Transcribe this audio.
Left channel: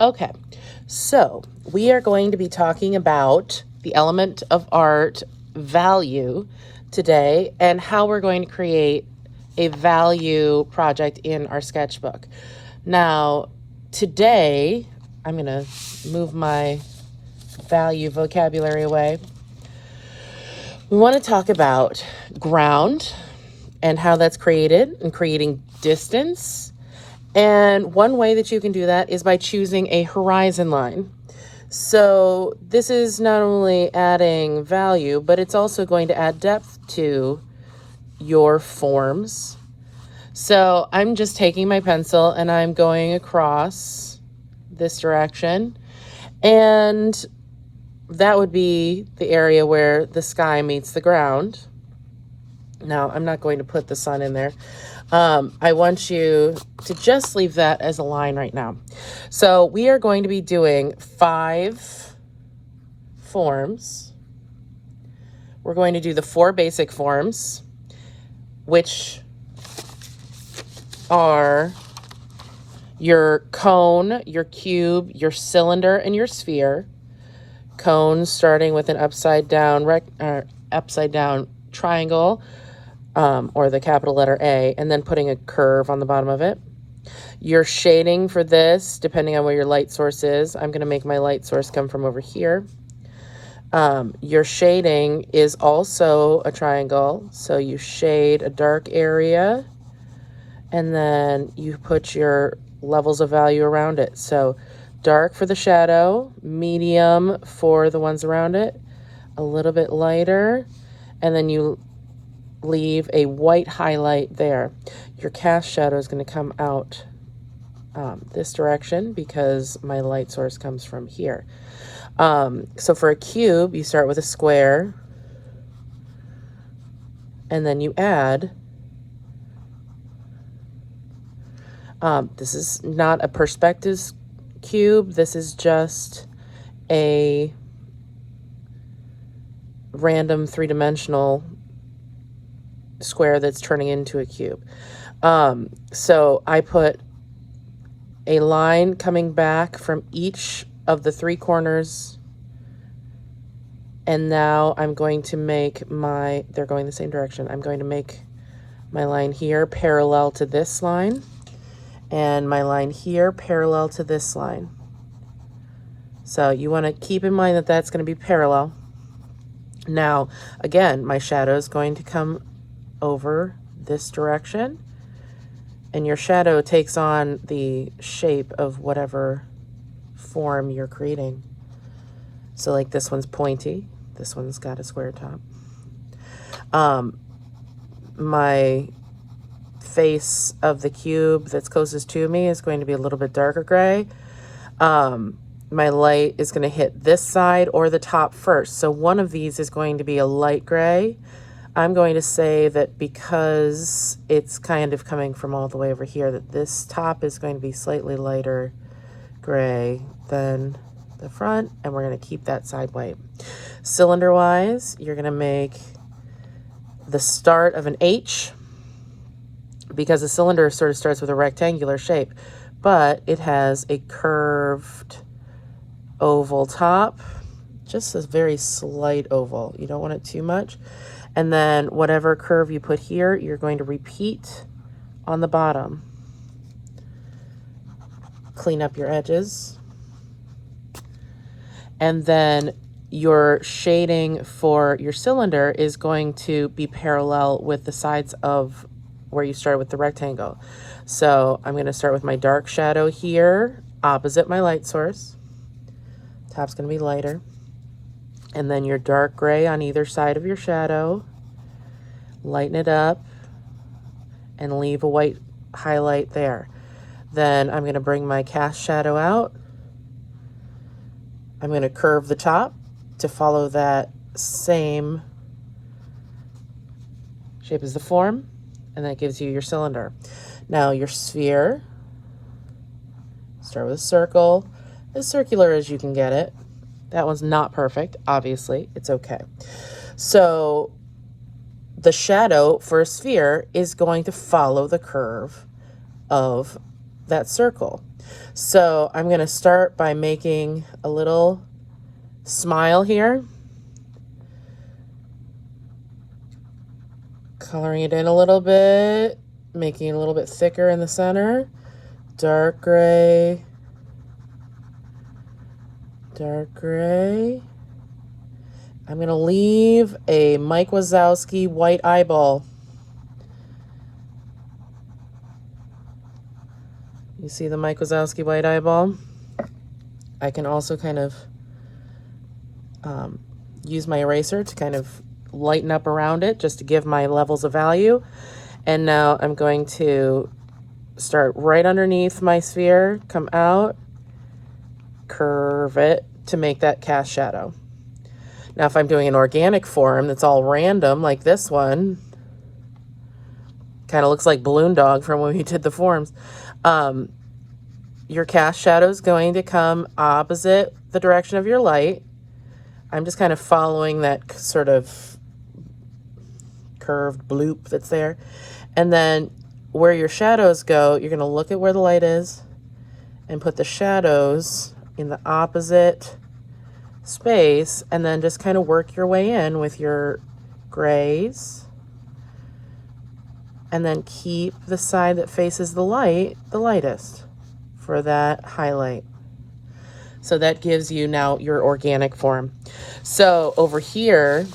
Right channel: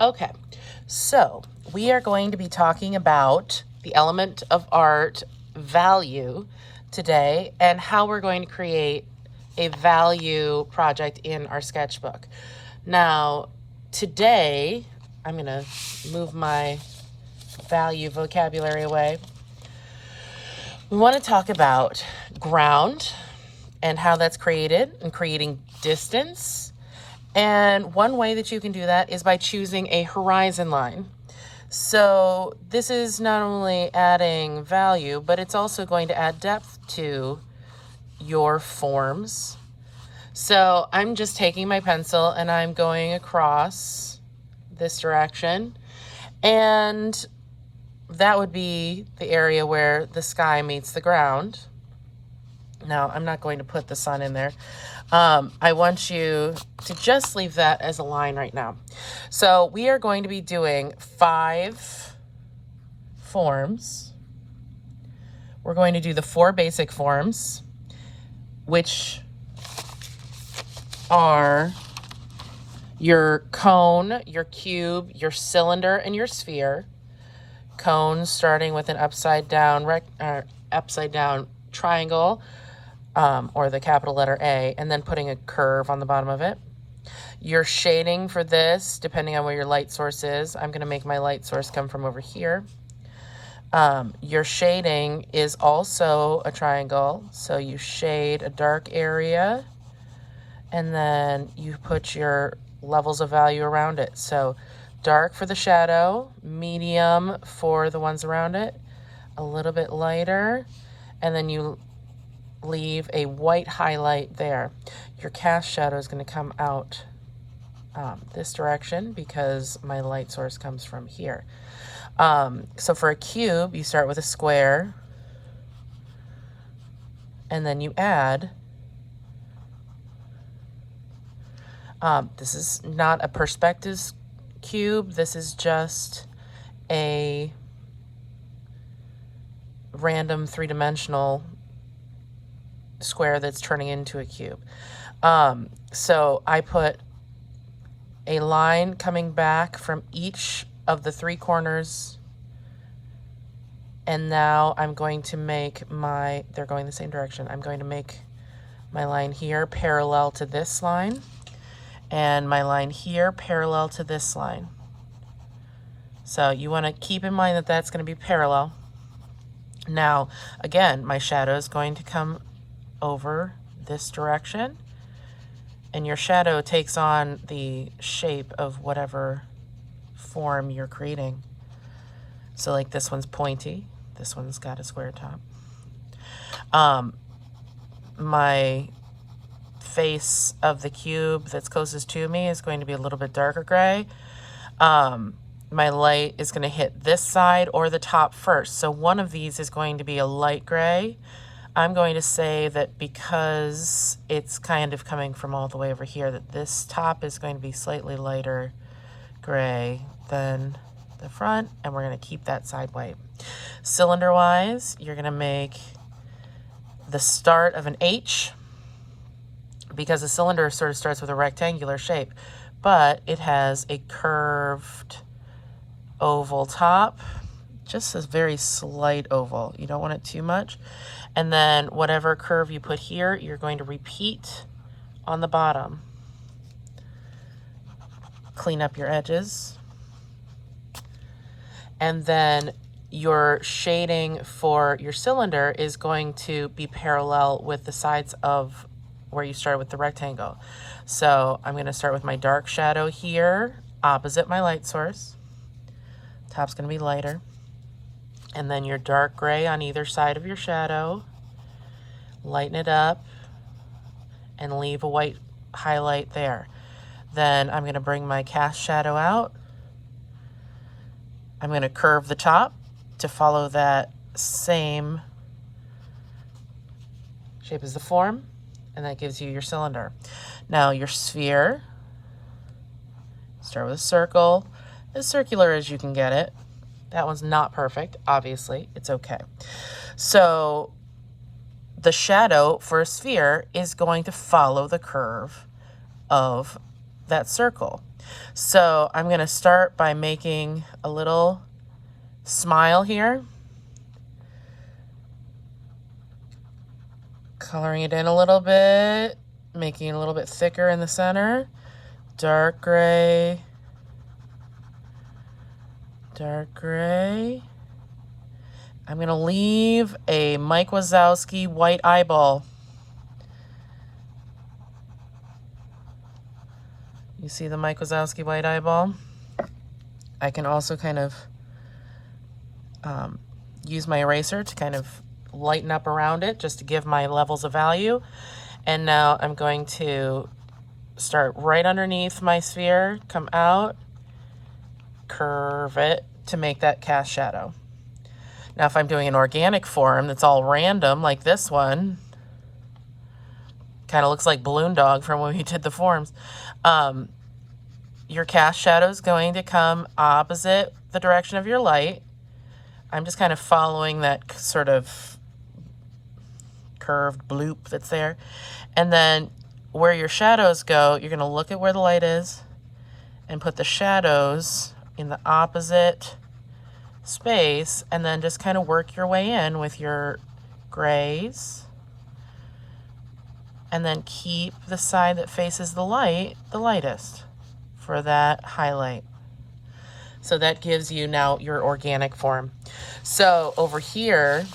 Okay, so we are going to be talking about the element of art value today and how we're going to create a value project in our sketchbook. Now, today, I'm going to move my value vocabulary away. We want to talk about ground and how that's created and creating distance. And one way that you can do that is by choosing a horizon line. So this is not only adding value, but it's also going to add depth to your forms. So I'm just taking my pencil and I'm going across this direction. And that would be the area where the sky meets the ground. Now, I'm not going to put the sun in there. I want you to just leave that as a line right now. So we are going to be doing 5 forms. We're going to do the 4 basic forms, which are your cone, your cube, your cylinder, and your sphere. Cone starting with an upside down triangle, or the capital letter A, and then putting a curve on the bottom of it. Your shading for this, depending on where your light source is, I'm going to make my light source come from over here. Your shading is also a triangle, so you shade a dark area, and then you put your levels of value around it. So dark for the shadow, medium for the ones around it, a little bit lighter, and then you leave a white highlight there. Your cast shadow is going to come out this direction because my light source comes from here. So for a cube, you start with a square, and then you add. This is not a perspective cube. This is just a random 3-dimensional square that's turning into a cube. So I put a line coming back from each of the 3 corners, and now I'm going to make they're going the same direction. I'm going to make my line here parallel to this line, and my line here parallel to this line. So you want to keep in mind that that's going to be parallel. Now, again, my shadow is going to come over this direction, and your shadow takes on the shape of whatever form you're creating. So like this one's pointy, this one's got a square top. My face of the cube that's closest to me is going to be a little bit darker gray. My light is going to hit this side or the top first. So one of these is going to be a light gray. I'm going to say that because it's kind of coming from all the way over here, that this top is going to be slightly lighter gray than the front, and we're going to keep that side white. Cylinder wise, you're going to make the start of an H, because a cylinder sort of starts with a rectangular shape, but it has a curved oval top, just a very slight oval. You don't want it too much. And then whatever curve you put here, you're going to repeat on the bottom. Clean up your edges. And then your shading for your cylinder is going to be parallel with the sides of where you started with the rectangle. So I'm going to start with my dark shadow here, opposite my light source. Top's going to be lighter. And then your dark gray on either side of your shadow. Lighten it up and leave a white highlight there. Then I'm going to bring my cast shadow out. I'm going to curve the top to follow that same shape as the form, and that gives you your cylinder. Now your sphere, start with a circle, as circular as you can get it. That one's not perfect, obviously, it's okay. So the shadow for a sphere is going to follow the curve of that circle. So I'm going to start by making a little smile here. Coloring it in a little bit, making it a little bit thicker in the center. Dark gray, dark gray. I'm going to leave a Mike Wazowski white eyeball. You see the Mike Wazowski white eyeball? I can also kind of use my eraser to kind of lighten up around it just to give my levels of value. And now I'm going to start right underneath my sphere, come out, curve it to make that cast shadow. Now if I'm doing an organic form that's all random like this one, kind of looks like Balloon Dog from when we did the forms, your cast shadow is going to come opposite the direction of your light. I'm just kind of following that sort of curved bloop that's there. And then where your shadows go, you're going to look at where the light is and put the shadows in the opposite space, and then just kind of work your way in with your grays. And then keep the side that faces the light the lightest for that highlight. So that gives you now your organic form. So over here,